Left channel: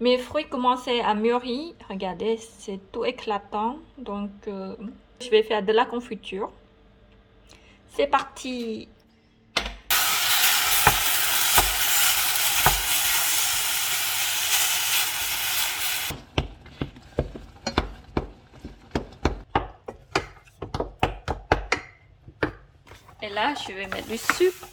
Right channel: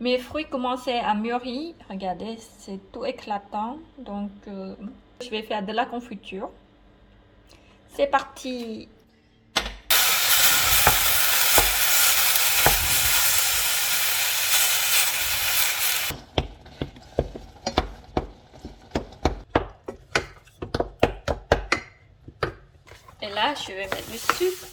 Mes fruits commençaient à mûrir. Regardez, c'est tout éclatant. Donc, je vais faire de la confiture. C'est parti! Et là, je vais mettre du sucre.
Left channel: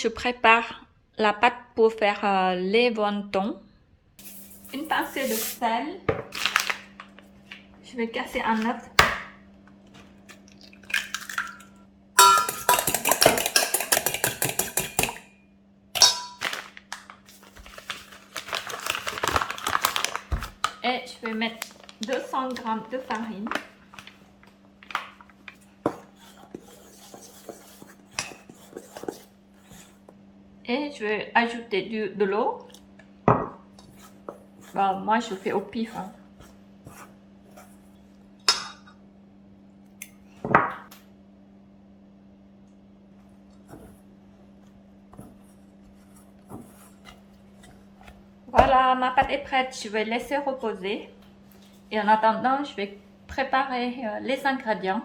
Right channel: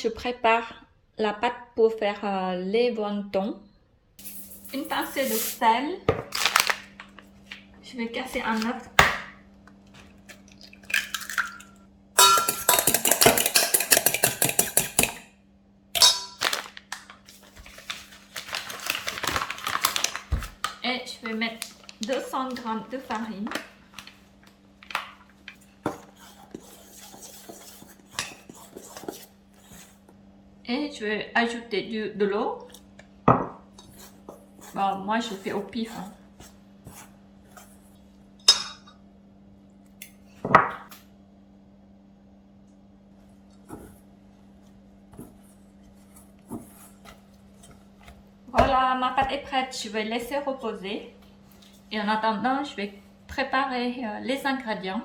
Je prépare la pâte pour faire les wonton. Une pincée de sel. Je vais casser un œuf. Et je vais mettre 200 g de farine. Et je vais ajouter de l'eau. Bah, moi, je fais au pif. Hein. Voilà, ma pâte est prête. Je vais laisser reposer. Et en attendant, je vais préparer les ingrédients.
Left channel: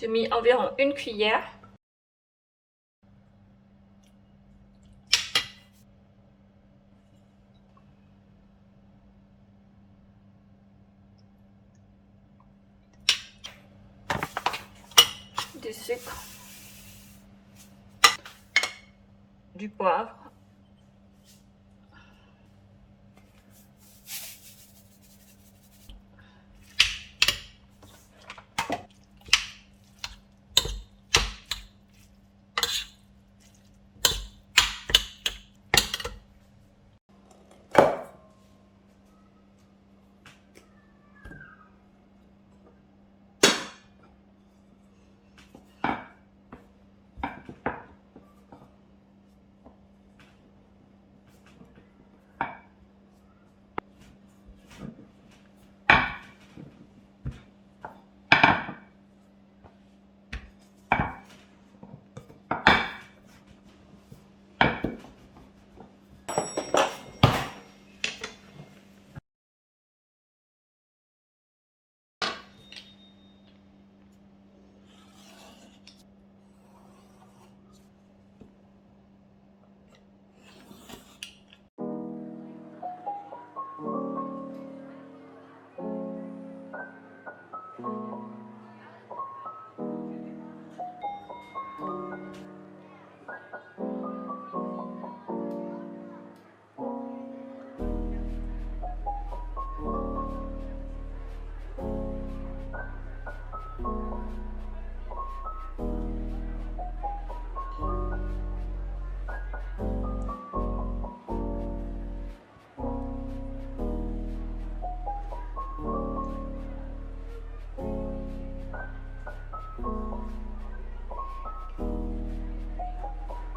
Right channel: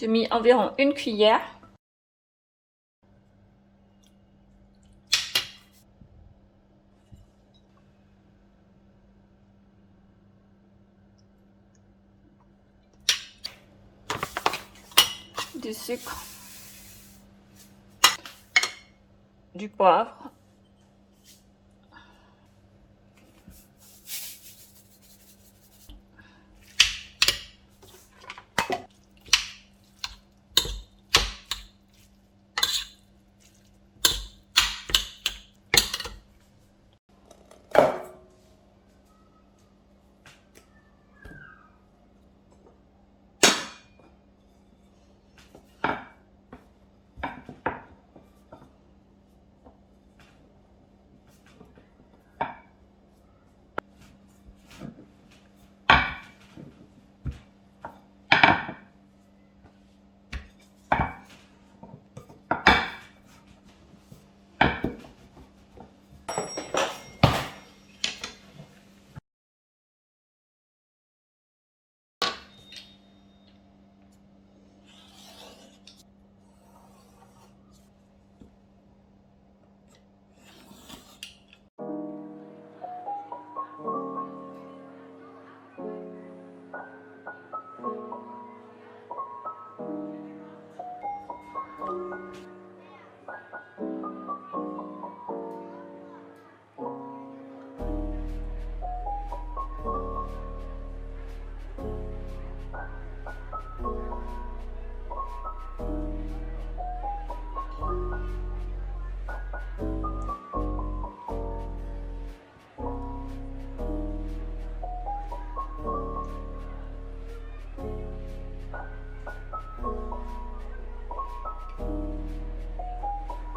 J'ai mis environ une cuillère. Du sucre. Du poivre.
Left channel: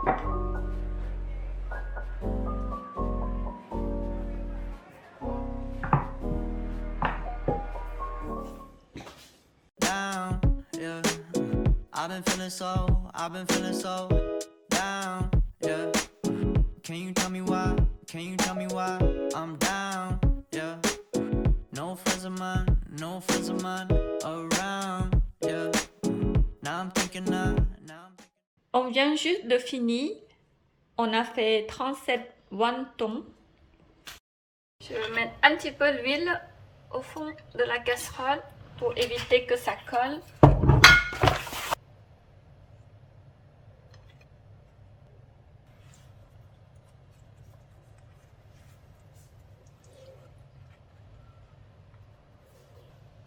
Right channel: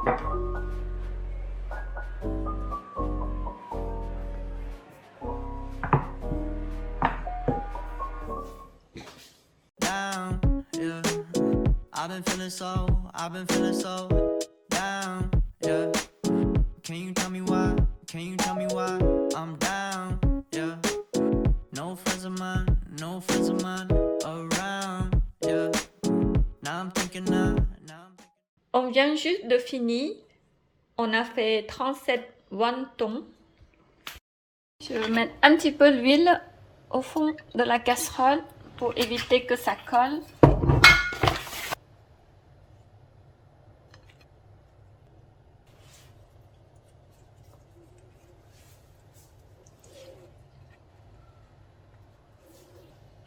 Down, yeah. I've been feeling so down, yeah. Can you tell me why? Can you tell me why I'm down, yeah. No friends of mine around, yeah. Now I'm thinking. On vient juste de finir. On a fait 37 wontons. Je vais mettre un petit peu d'huile au fond de la casserole pour éviter que ça colle.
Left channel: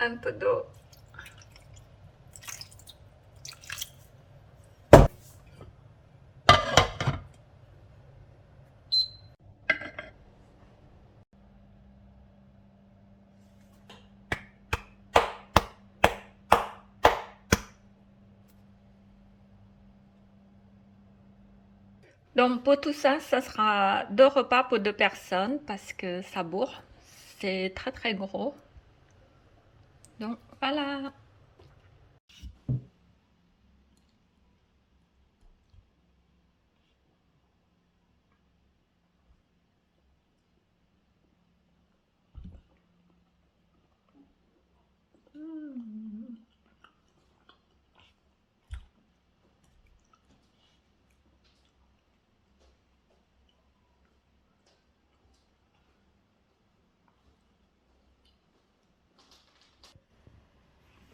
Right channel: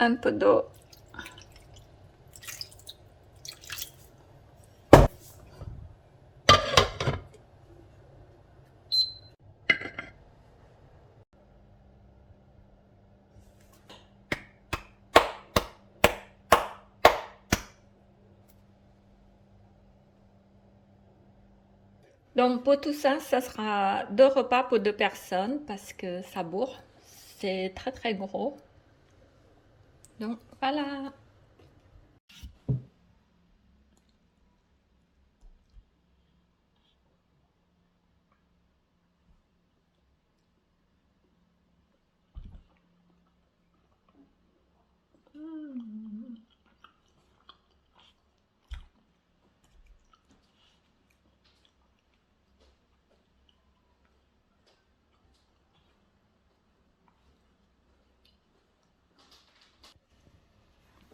Un peu d'eau. Donc pour tout ça, ça sera 2 repas pour 2 personnes parce que ça bourre. C'est très très gros. Donc voilà.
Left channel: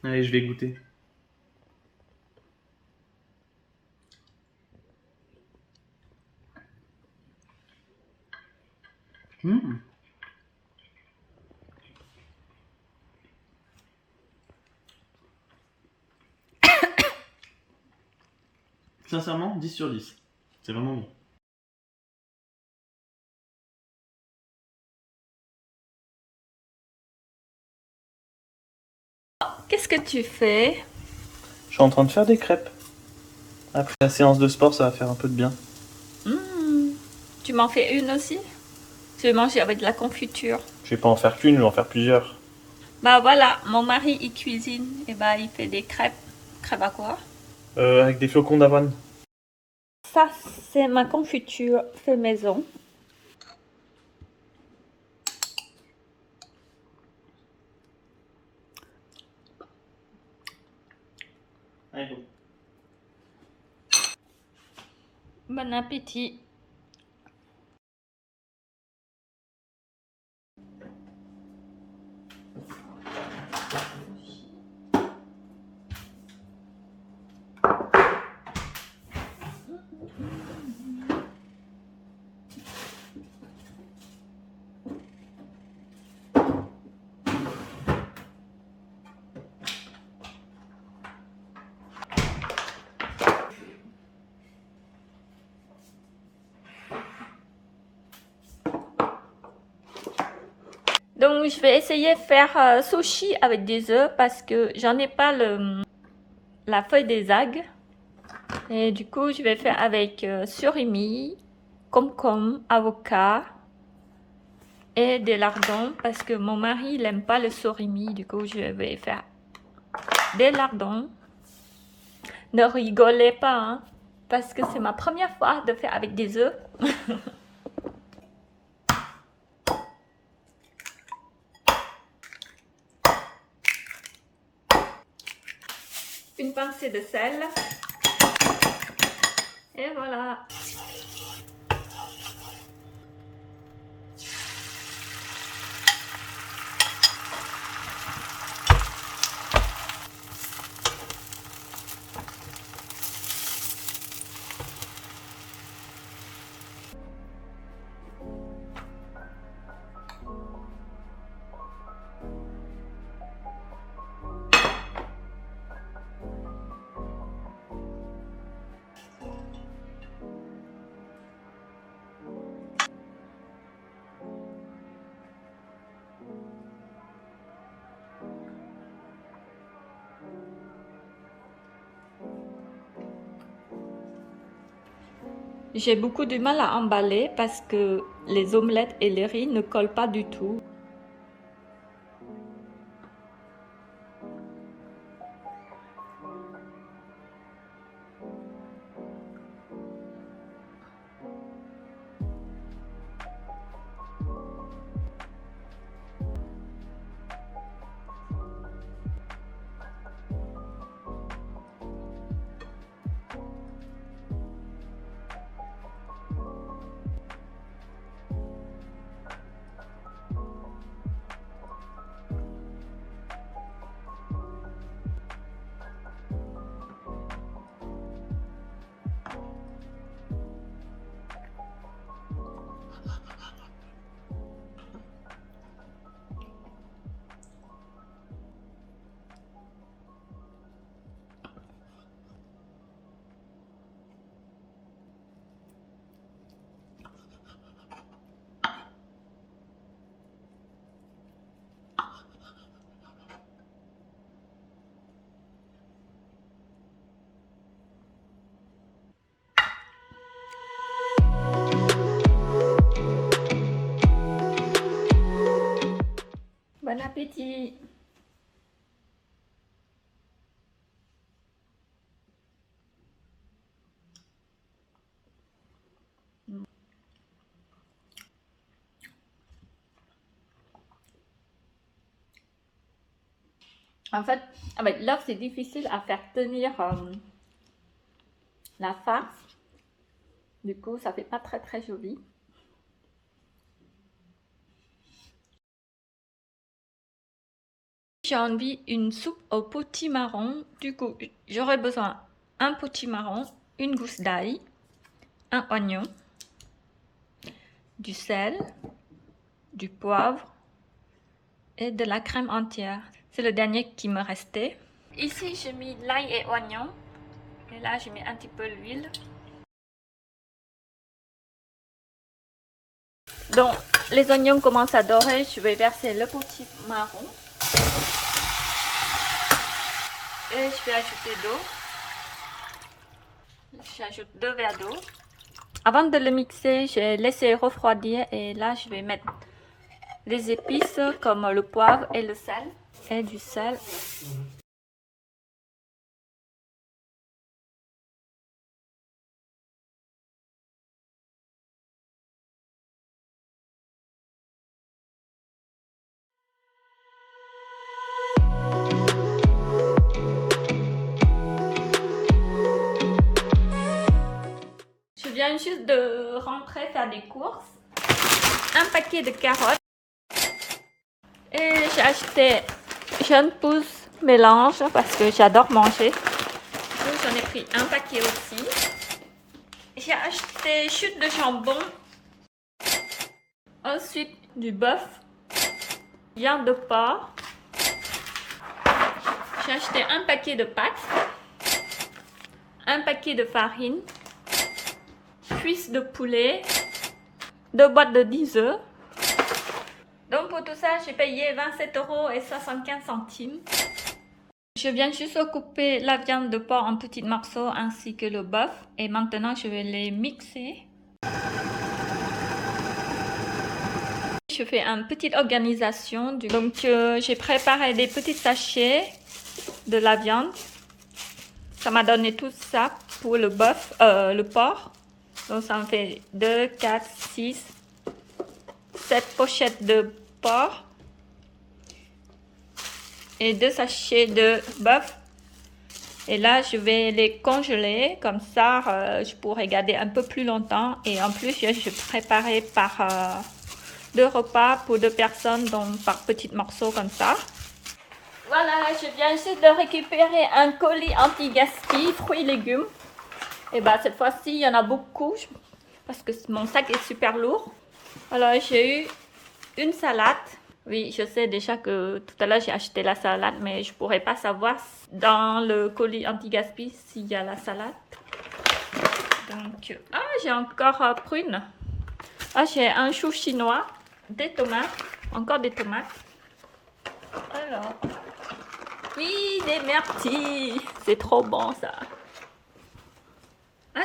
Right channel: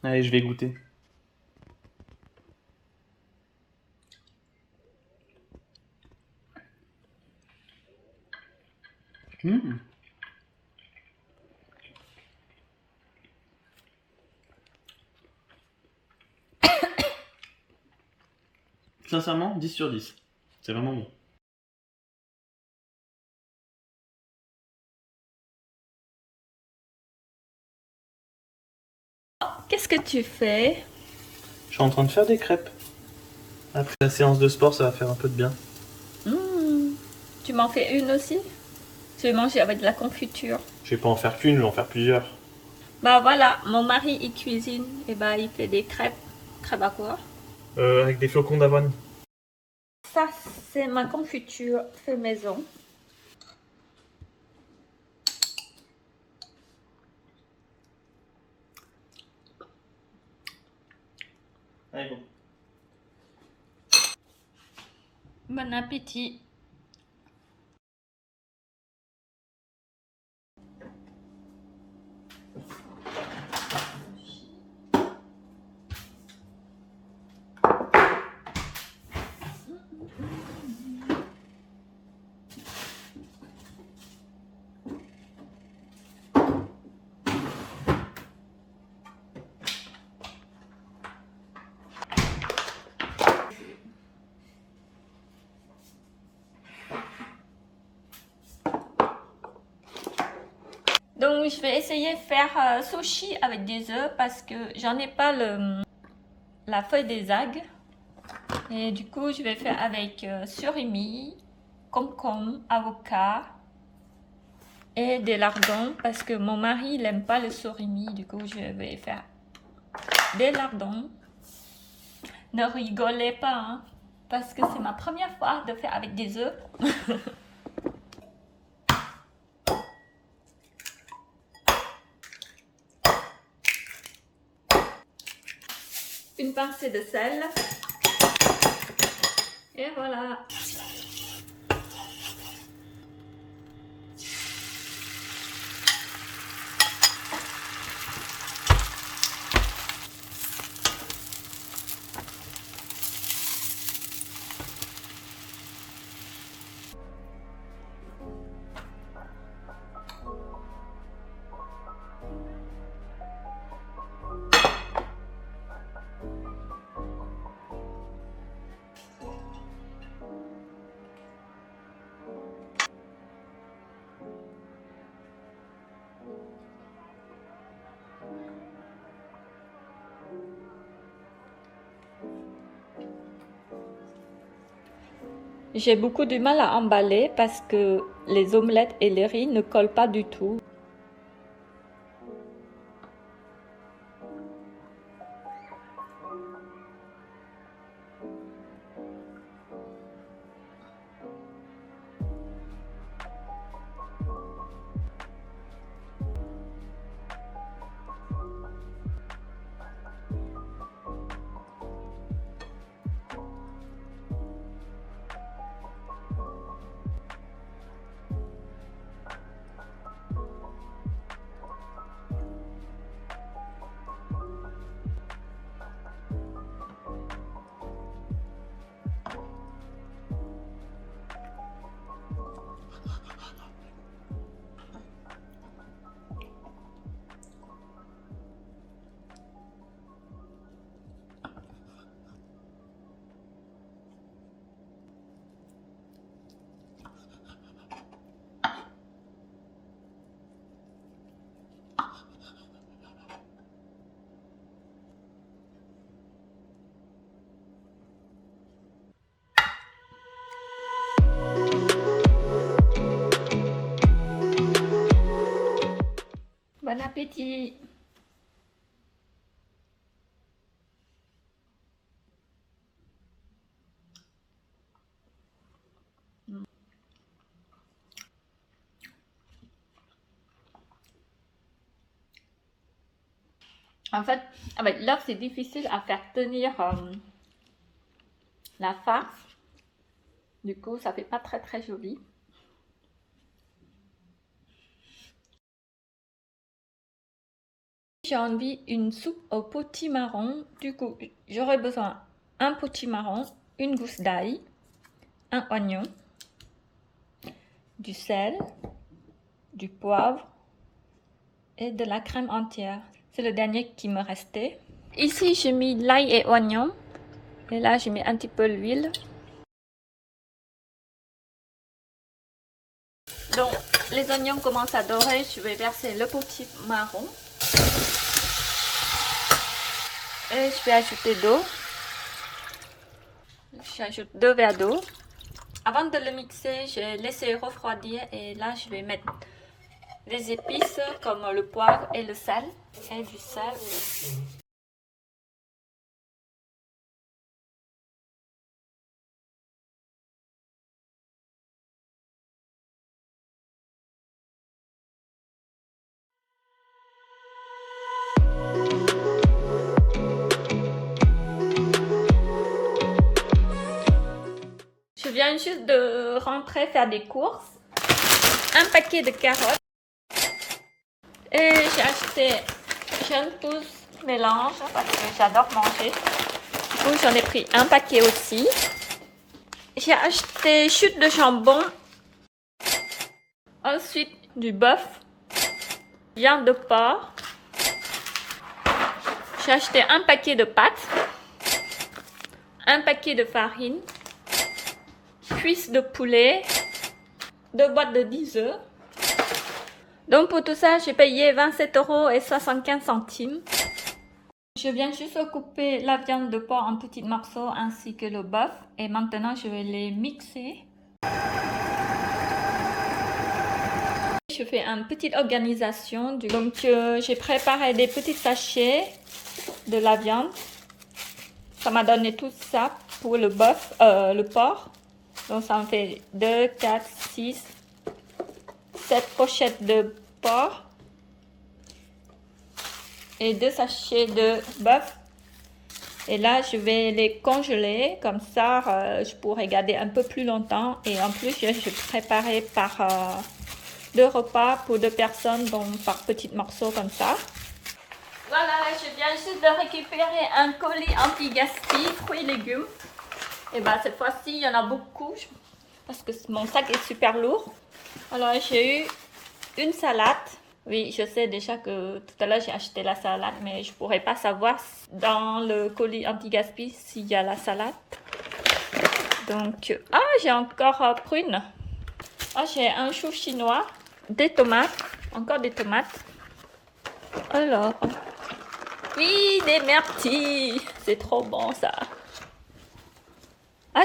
Allez, je vais goûter. Mmh. Sincèrement, 10 sur 10. C'est vraiment bon. Qu'est-ce que tu fais? Je suis en train de faire des crêpes. Après la séance de sport, ça va faire un peu de bien. Tu m'en fais une aussi? Je vais manger avec de la confiture. Je vais pas en faire qu'une, je vais en faire plusieurs. Bah voilà, mon mari il cuisine et bah il fait des crêpes. Crêpes à quoi? Avec des flocons d'avoine. Ça c'est ma confiture fait maison. Allez, bon. Bon appétit. Donc je vais essayer de faire sushi avec des œufs parce que j'en ai pas la feuille des algues. Et du coup je vais faire avec surimi, concombre, avocat et des lardons parce que mon mari il aime pas le surimi. Du coup je vais faire des lardons. Ne rigolez pas hein, parce que c'est ma première fois de faire avec des œufs. Une pincée de sel. Et voilà. J'ai beaucoup de mal à emballer parce que les omelettes et les riz ne collent pas du tout. Bon appétit! En fait, avec l'œuf, c'est difficile à faire tenir la farce. Du coup, ça fait pas très joli. J'ai envie une soupe au potimarron. Du coup, j'aurai besoin d'un potimarron, une gousse d'ail, un oignon, du sel, du poivre et de la crème entière. C'est le dernier qui me restait. Ici, j'ai mis l'ail et oignon. Et là, j'ai mis un petit peu l'huile. Donc, les oignons commencent à dorer. Je vais verser le potimarron. Et je vais ajouter d'eau. J'ajoute 2 verres d'eau. Avant de le mixer, j'ai laissé refroidir. Et là, je vais mettre les épices comme le poivre et le sel. Et du sel. Je viens juste de rentrer faire des courses. Un paquet de carottes. Et j'ai acheté Jeune Pousse mélange parce que j'adore manger. Du coup, j'en ai pris un paquet aussi. J'ai acheté chute de jambon. Ensuite, du bœuf. Viande de porc. J'ai acheté un paquet de pâtes. Un paquet de farine. Cuisses de poulet. 2 boîtes de 10 œufs. Donc pour tout ça, j'ai payé 27,75 €. Je viens juste couper la viande de porc en petits morceaux ainsi que le bœuf. Et maintenant, je vais les mixer. Je fais une petite organisation. Donc j'ai préparé des petits sachets de la viande. Ça m'a donné tout ça pour le bœuf, le porc. Donc ça me fait 2, 4, 6, 7 pochettes de porc et 2 sachets de bœuf. Et là, je vais les congeler. Comme ça, je pourrai garder un peu plus longtemps. Et en plus, je préparais par 2 repas pour 2 personnes, donc par petits morceaux comme ça. Voilà, je viens juste de récupérer un colis anti-gaspi, fruits et légumes. Et bah cette fois-ci, il y en a beaucoup parce que mon sac est super lourd. Alors, j'ai eu une salade. Oui, je sais déjà que tout à l'heure, j'ai acheté la salade, mais je ne pourrais pas savoir dans le colis anti-gaspi s'il y a la salade. Donc, j'ai encore prunes. J'ai un chou chinois, des tomates, encore des tomates. Alors, oui, des myrtilles. C'est trop bon ça.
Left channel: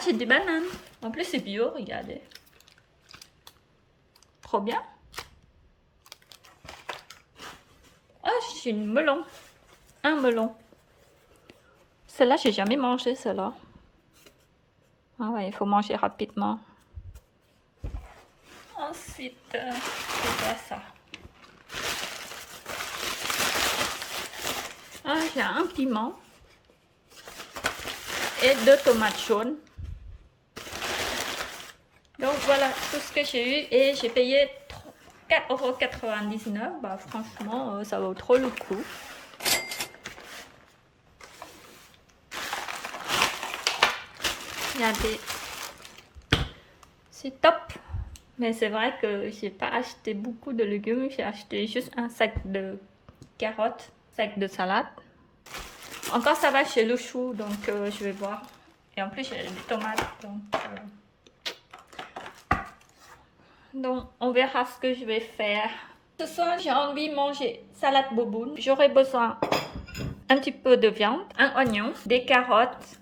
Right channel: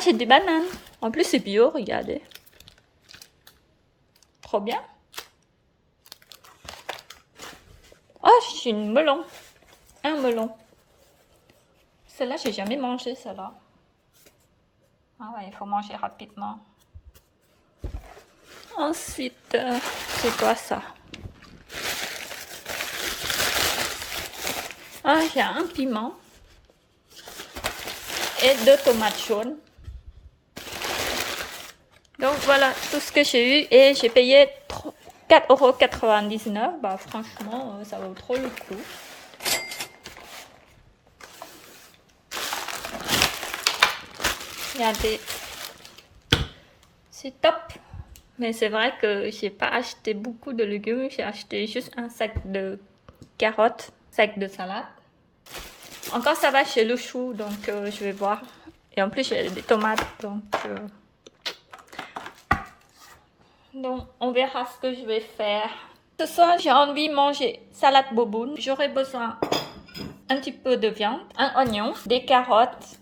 J'ai des bananes. En plus, c'est bio, regardez. Trop bien. Oh, j'ai une melon. Un melon. Celle-là, j'ai jamais mangé, celle-là. Ah ouais, il faut manger rapidement. Ensuite, c'est quoi ça? Ah, il y a un piment. Et 2 tomates jaunes. Donc voilà tout ce que j'ai eu et j'ai payé 4,99 €. Bah franchement, ça vaut trop le coup. Regardez, c'est top. Mais c'est vrai que j'ai pas acheté beaucoup de légumes. J'ai acheté juste un sac de carottes, sac de salade. Encore ça va chez le chou, donc je vais voir. Et en plus j'ai des tomates, donc on verra ce que je vais faire. Ce soir j'ai envie de manger salade boboon. J'aurai besoin un petit peu de viande, un oignon, des carottes,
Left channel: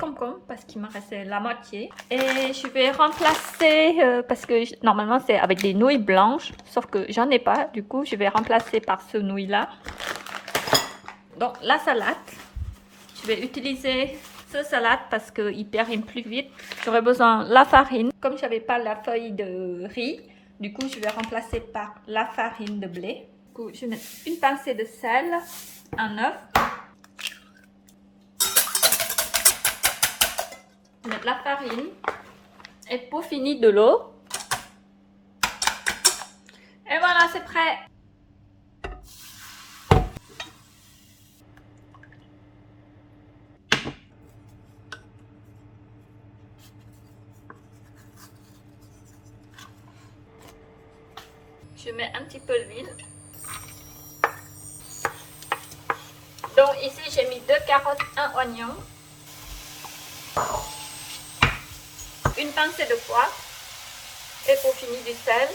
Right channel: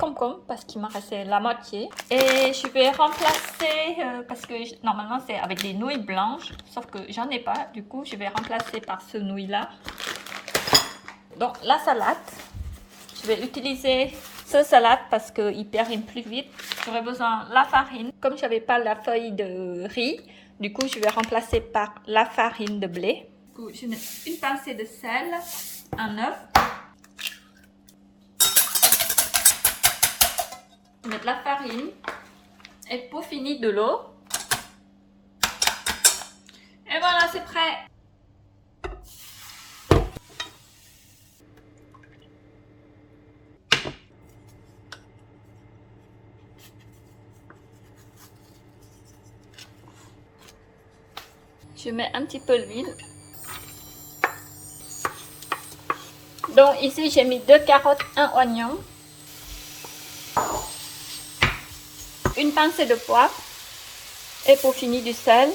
concombre parce qu'il m'a resté la moitié. Et je vais remplacer, parce que normalement c'est avec des nouilles blanches, sauf que j'en ai pas. Du coup je vais remplacer par ce nouille là. Donc la salade, je vais utiliser ce salade parce qu'il périme plus vite. J'aurai besoin de la farine. Comme je n'avais pas la feuille de riz, du coup je vais remplacer par la farine de blé. Du coup, je mets une pincée de sel, un œuf. Je mets de la farine et pour finir de l'eau. Et voilà, c'est prêt. Je mets un petit peu d'huile. Donc ici j'ai mis 2 carottes, un oignon, une pincée de poivre et pour finir du sel.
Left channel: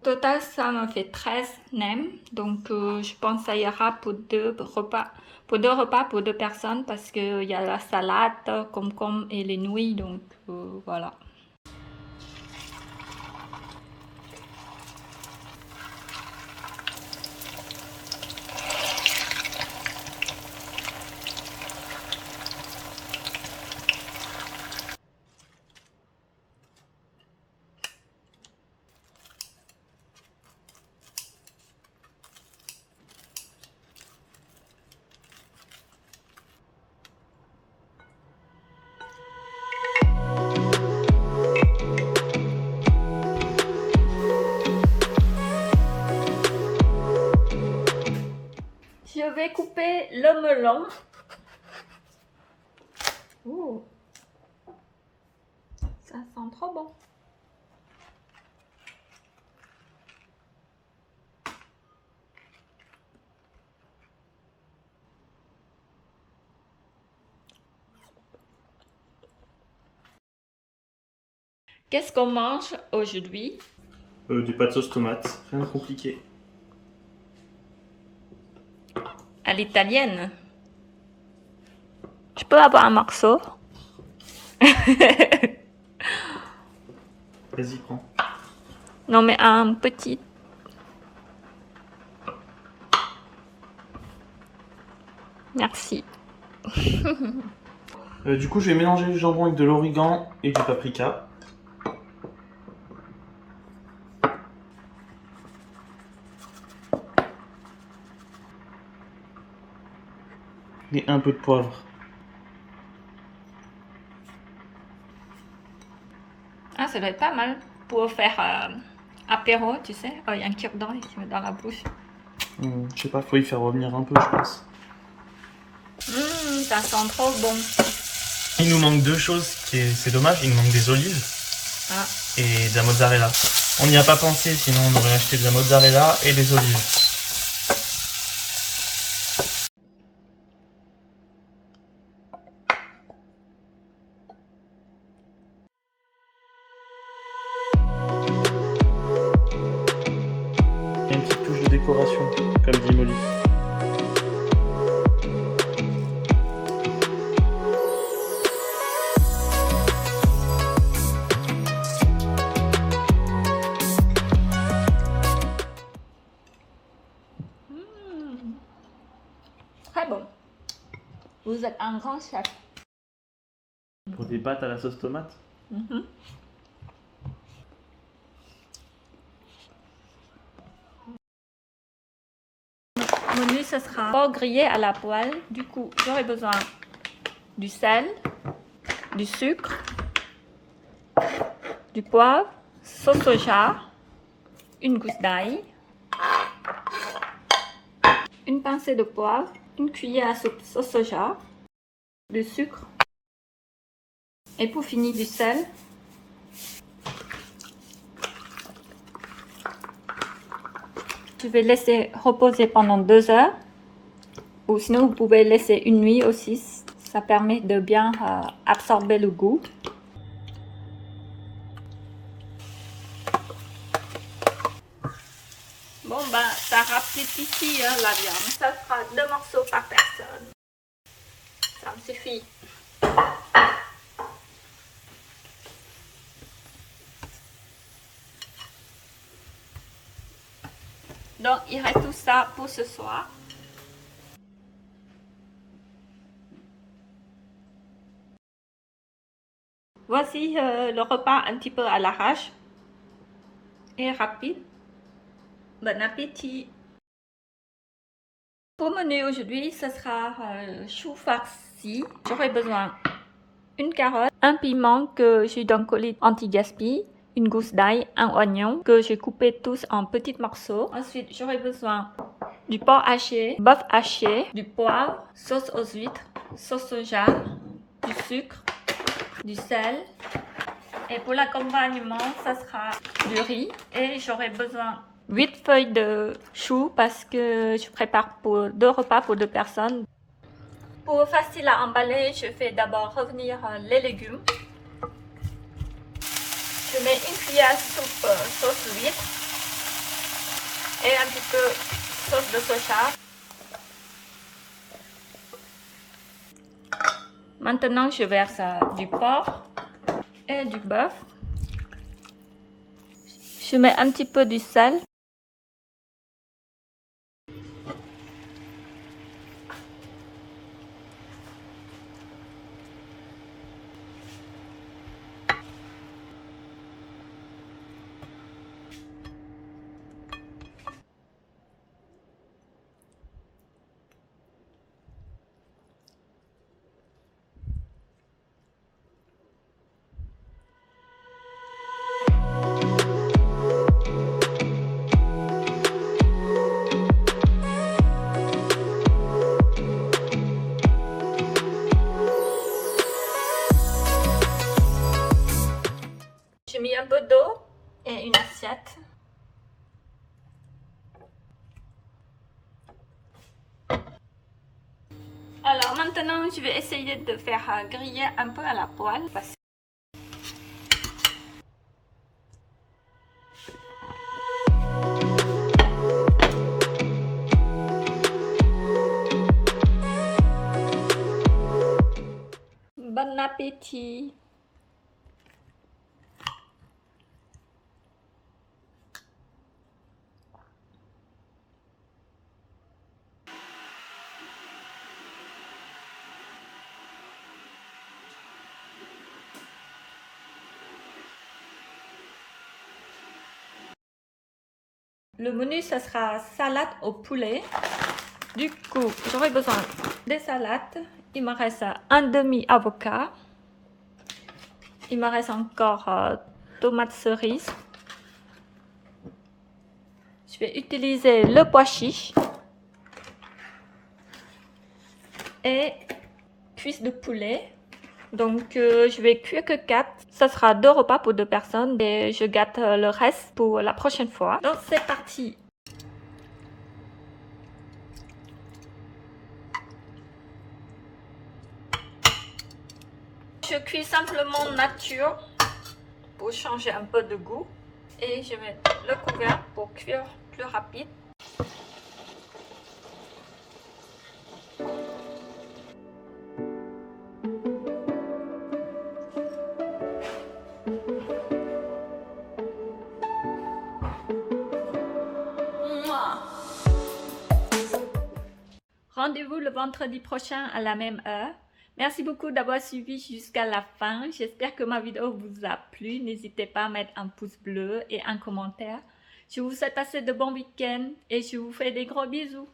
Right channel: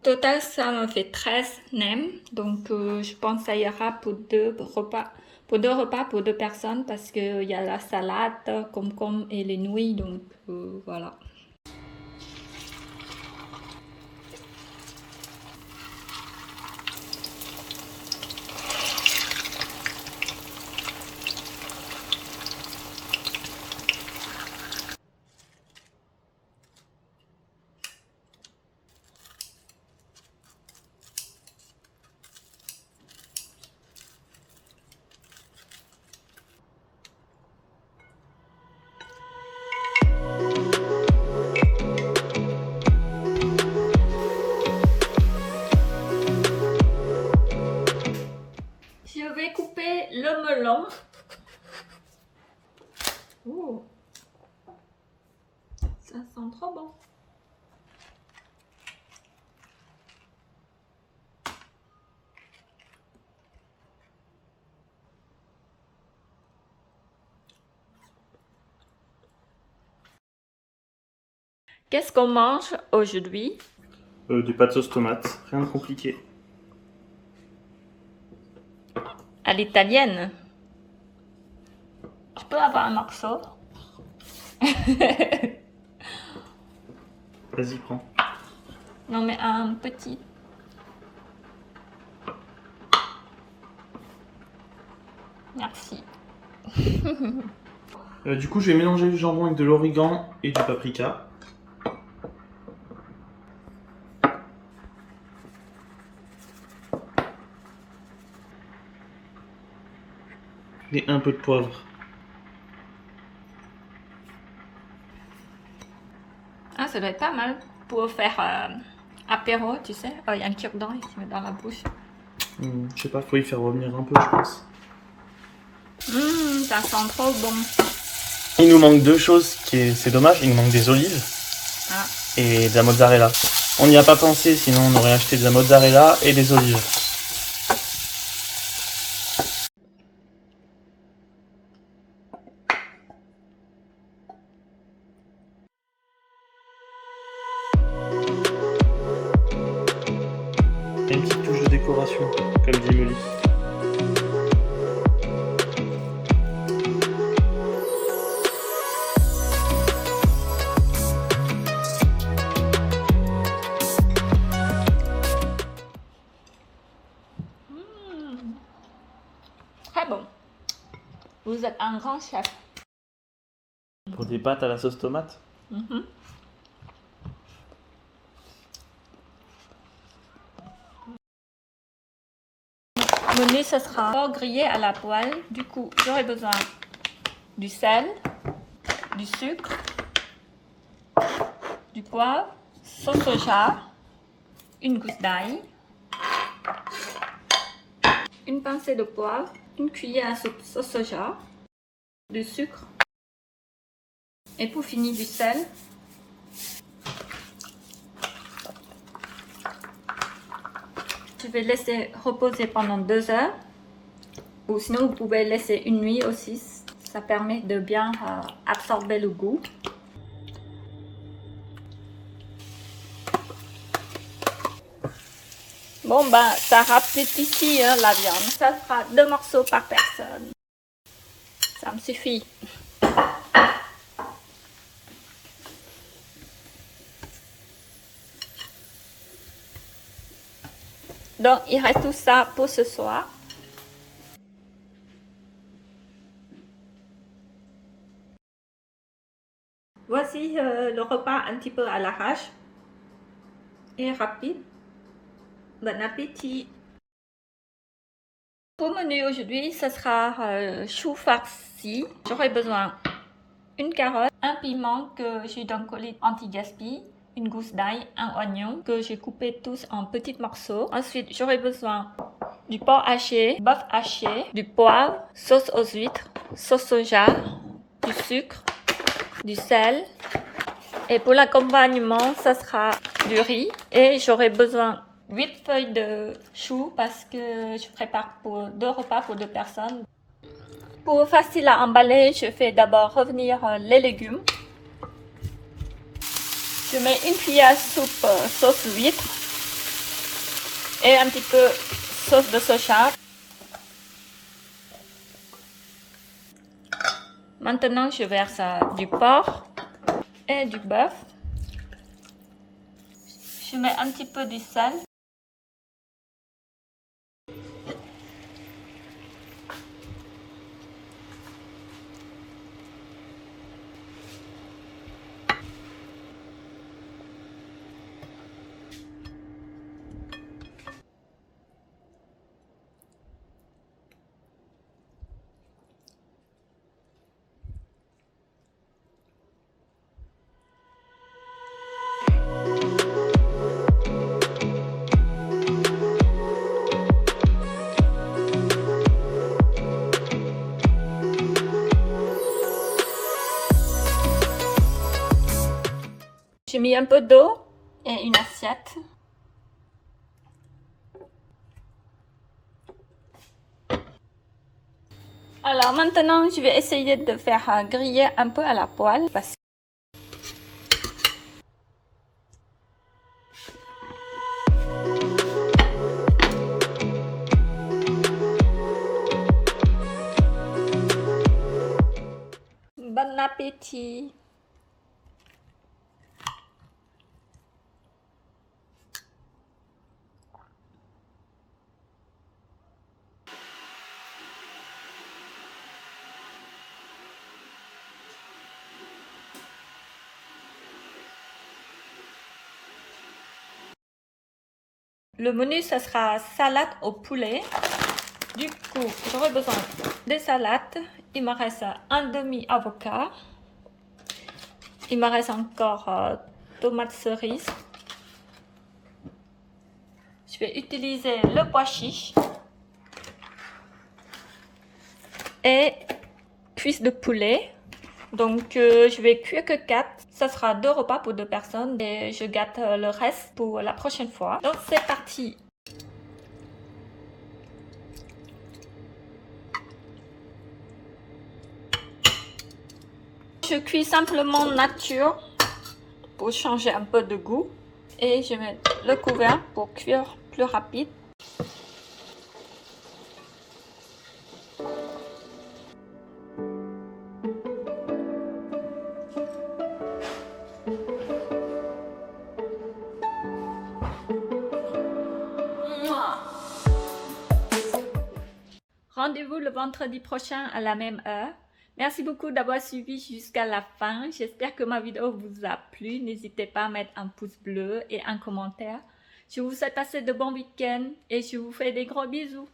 Total, ça me fait 13 nems, donc je pense que ça ira pour 2 repas, pour 2 personnes parce qu'il y a la salade, concombre et les nouilles, donc voilà. Je vais couper le melon. Ouh. Ça sent trop bon. Qu'est-ce qu'on mange aujourd'hui? Du pâte sauce tomate, rien de compliqué. À l'italienne. Je peux avoir un morceau? Vas-y, prends. Non, mais un petit. Merci. Du coup, je vais mélanger le jambon avec de l'origan et du paprika. Et un peu de poivre. Ah, ça doit être pas mal pour faire apéro, tu sais. Oh, il y a un cure-dent ici dans la bouche. Je sais pas, faut y faire revenir un peu, je pense. Ça sent trop bon. Il nous manque 2 choses, c'est dommage, il nous manque des olives et de la mozzarella. On n'y a pas pensé, sinon on aurait acheté de la mozzarella et des olives. modération, comme dit Molly. Très bon. Vous êtes un grand chef. Pour des pâtes à la sauce tomate. Menu, ce sera porc grillé à la poêle. Du coup, j'aurai besoin du sel, du sucre, du poivre, sauce soja, une gousse d'ail, une pincée de poivre, une cuillère à soupe sauce soja, du sucre et pour finir du sel. Je vais laisser reposer pendant 2 heures, ou sinon vous pouvez laisser une nuit aussi, ça permet de bien absorber le goût. Bon bah ça rapetit hein, la viande, ça fera 2 morceaux par personne, ça me suffit. Donc, il reste tout ça pour ce soir. Voici le repas un petit peu à l'arrache et rapide. Bon appétit! Pour menu aujourd'hui, ce sera chou farci. J'aurai besoin d'une carotte, un piment que j'ai dans le colis anti-gaspi, une gousse d'ail, un oignon que j'ai coupé tous en petits morceaux. Ensuite, j'aurai besoin du porc haché, bœuf haché, du poivre, sauce aux huîtres, sauce soja, du sucre, du sel. Et pour l'accompagnement, ça sera du riz. Et j'aurai besoin 8 feuilles de chou parce que je prépare pour 2 repas pour 2 personnes. Pour facile à emballer, je fais d'abord revenir les légumes. Je mets une cuillère à soupe sauce huître et un petit peu sauce de soja. Maintenant, je verse du porc et du bœuf. Je mets un petit peu du sel. J'ai mis un peu d'eau et une assiette. Alors maintenant, je vais essayer de faire griller un peu à la poêle. Bon appétit! Le menu, ce sera salade au poulet. Du coup, j'aurai besoin des salades. Il me reste un demi-avocat. Il me reste encore tomates cerises. Je vais utiliser le pois chiche. Et cuisses de poulet. Donc, je vais cuire que 4. Ça sera 2 repas pour 2 personnes et je gâte le reste pour la prochaine fois. Donc, c'est parti! Je cuis simplement nature pour changer un peu de goût. Et je mets le couvercle pour cuire plus rapide. rendez-vous le vendredi prochain à la même heure. Merci beaucoup d'avoir suivi jusqu'à la fin. J'espère que ma vidéo vous a plu. N'hésitez pas à mettre un pouce bleu et un commentaire. Je vous souhaite passer de bons week-ends et je vous fais des gros bisous.